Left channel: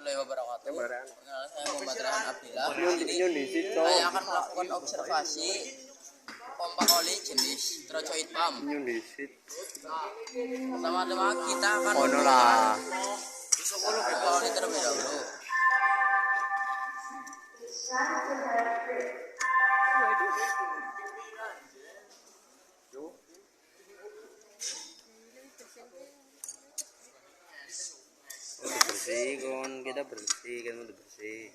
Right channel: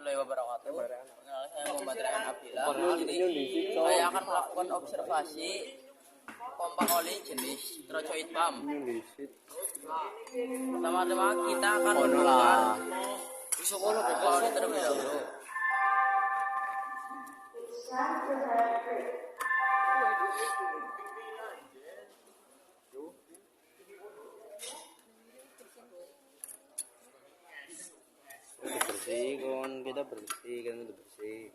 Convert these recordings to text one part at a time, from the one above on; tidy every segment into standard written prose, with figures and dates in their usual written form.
warahmatullahi wabarakatuh. Perkenalkan, saya Muhammad Rehan Abdillah. Jadi saya akan melakukan observasi pompa oli jenis Trocoid Pump. Pertama-tama kita akan isi pompa oli terlebih dahulu. Kita bersih kan udah bersih.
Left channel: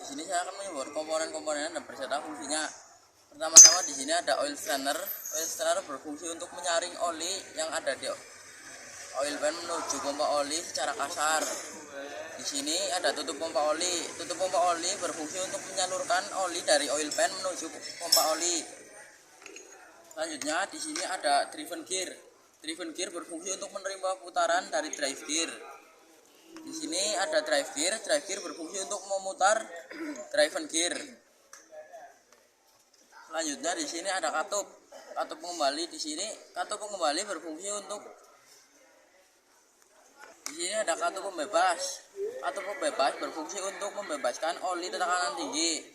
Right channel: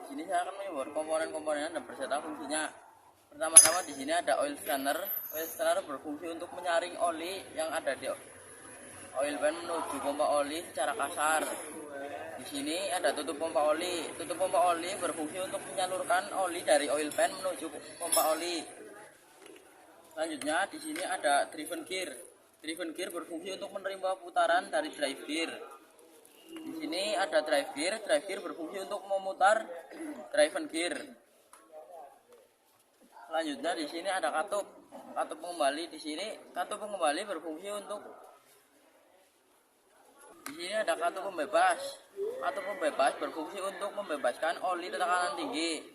Di sini saya akan menyebut komponen-komponen dan berserta fungsinya. Pertama-tama di sini ada oil strainer. Oil strainer berfungsi untuk menyaring oli yang ada di oil pan menuju pompa oli secara kasar. Di sini ada tutup pompa oli. Tutup pompa oli berfungsi untuk menyalurkan oli dari oil pan menuju pompa oli. Selanjutnya di sini ada driven gear. Driven gear berfungsi untuk menerima putaran dari drive gear. Di sini ada drive gear berfungsi untuk memutar driven gear. Selanjutnya di sini ada katup pengembali. Di sini katup pengembali berfungsi untuk ada katup pembebas. Katup pembebas berfungsi untuk membebaskan oli tekanan tinggi.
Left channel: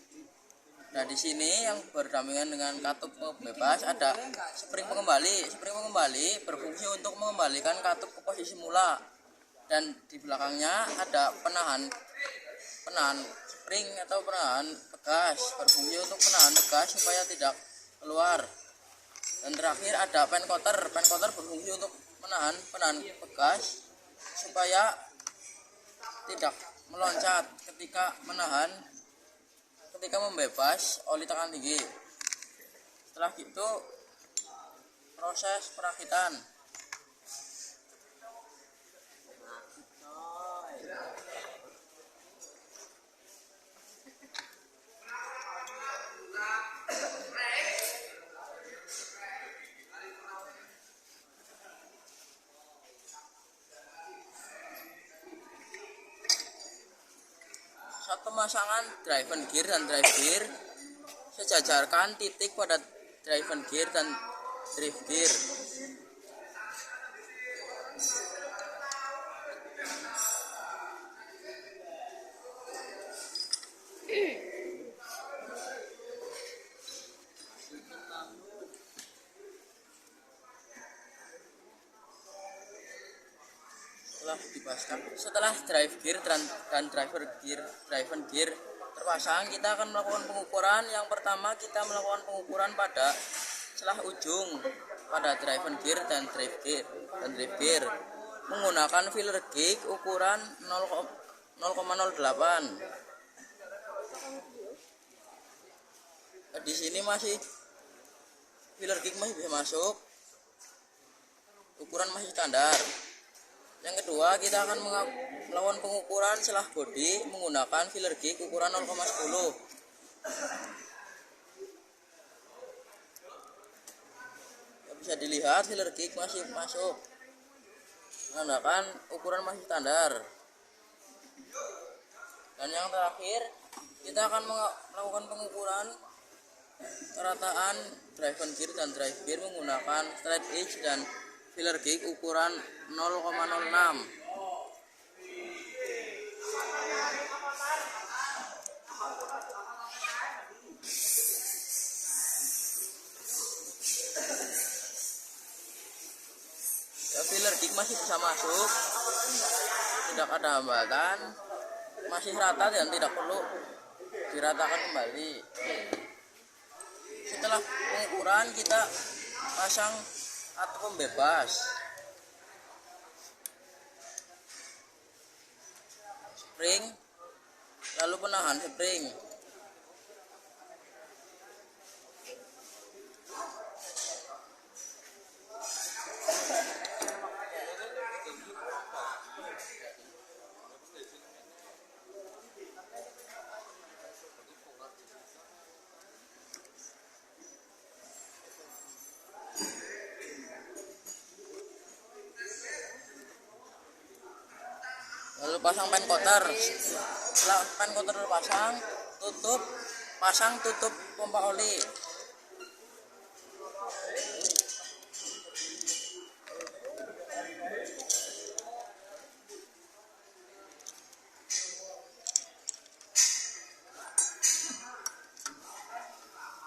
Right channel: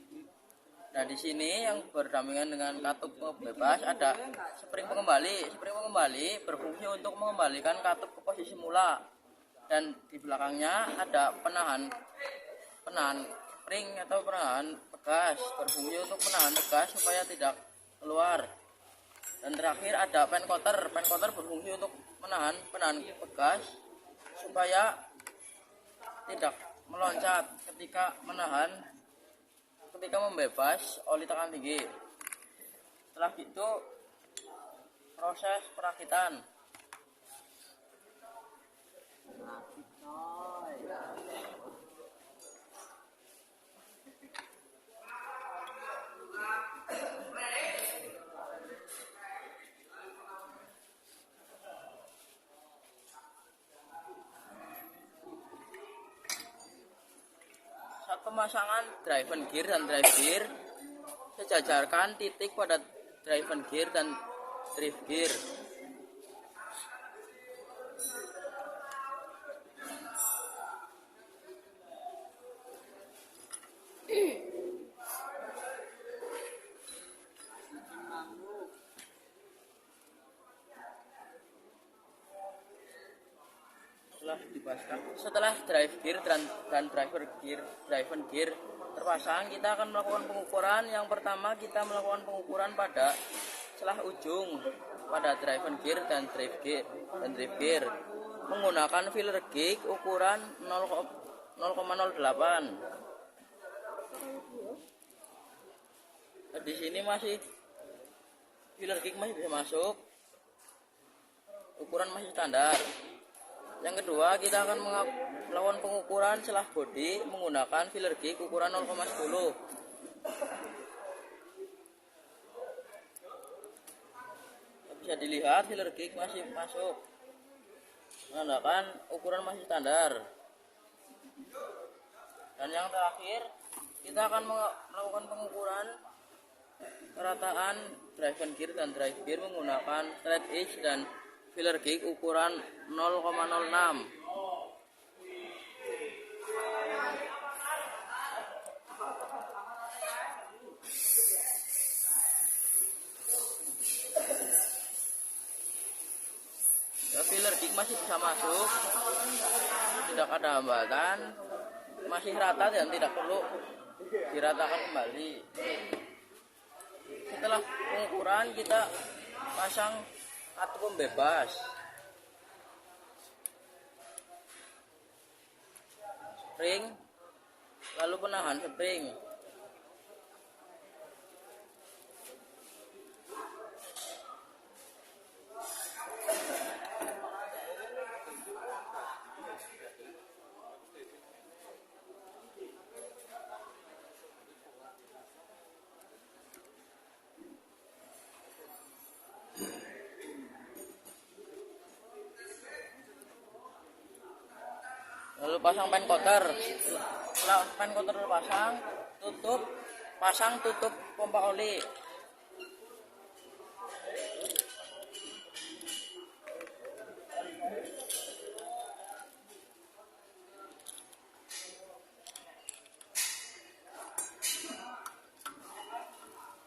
Nah, di sini yang berdampingan dengan katup pembebas ada spring pengembali. Spring pengembali berfungsi untuk mengembalikan katup ke posisi mula. Dan di belakangnya ada penahan spring atau penahan pegas, berfungsi untuk menahan pegas supaya tidak keluar. Dan terakhir ada pen cotter berfungsi untuk menahan pegas supaya tidak meloncat ketika membebas oli tekanan tinggi. Setelah itu proses perakitan. Saat pemasangan driven gear dan drive gear, sejajarkan titik pada driven gear dan drive gear. Setelah drive gear dan driven gear terpasang, kita akan melakukan pengukuran. Yang pertama, kita melakukan pengukuran pada celah ujung pada driven gear dan drive gear menggunakan filler gauge ukuran 0,08. Di sini masih filler gauge masih bisa masuk, ukuran masih standar. Yang kedua, kita akan melakukan pengukuran celah bodi menggunakan filler gauge ukuran 0,10. Bisa dilihat filler gauge masih masuk, menandakan ukuran masih standar. Dan yang terakhir, kita akan melakukan pengukuran kerataan driven gear dan drive gear menggunakan straight edge dan filler gauge ukuran 0,06. Ya, filler gauge masih bisa masuk, tidak ada hambatan, masih rata dan tidak perlu diratakan kembali. Setelah pengukuran, kita pasang katup pembebas. spring, lalu penahan spring. Lalu pasang pen coater. Setelah pen coater pasang, tutup pompa oli.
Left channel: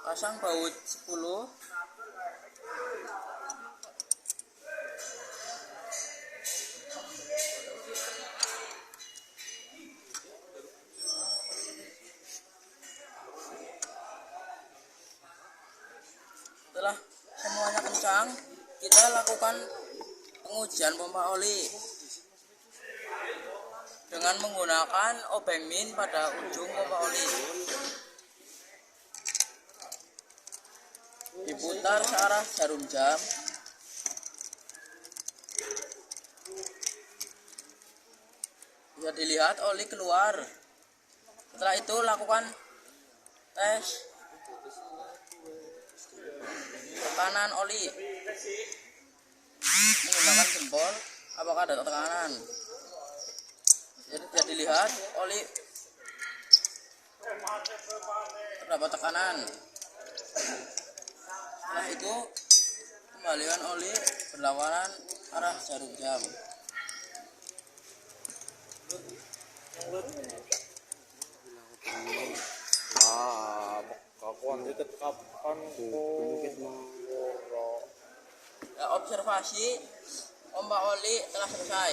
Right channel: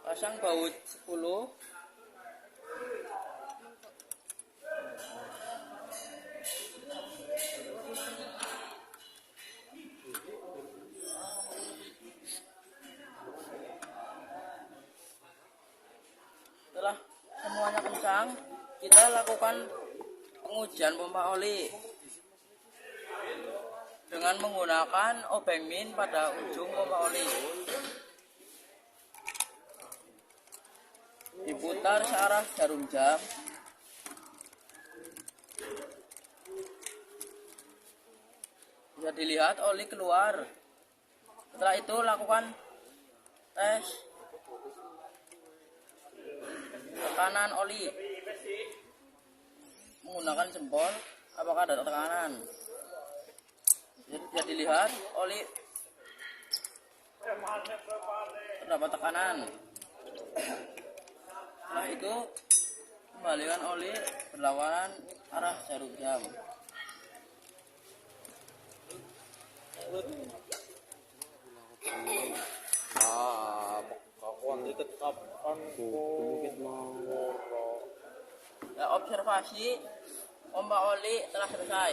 Pasang baut 10. Setelah semuanya kencang, kita lakukan pengujian pompa oli dengan menggunakan obeng min pada ujung pompa oli. Diputar searah jarum jam. Bisa dilihat oli keluar. Setelah itu lakukan tes tekanan oli menggunakan jempol, apakah ada tekanan. Jadi bisa dilihat oli terdapat tekanan. Setelah itu kembalikan oli berlawanan arah jarum jam. Kakuan dikit kapan Ya, observasi pompa oli telah selesai.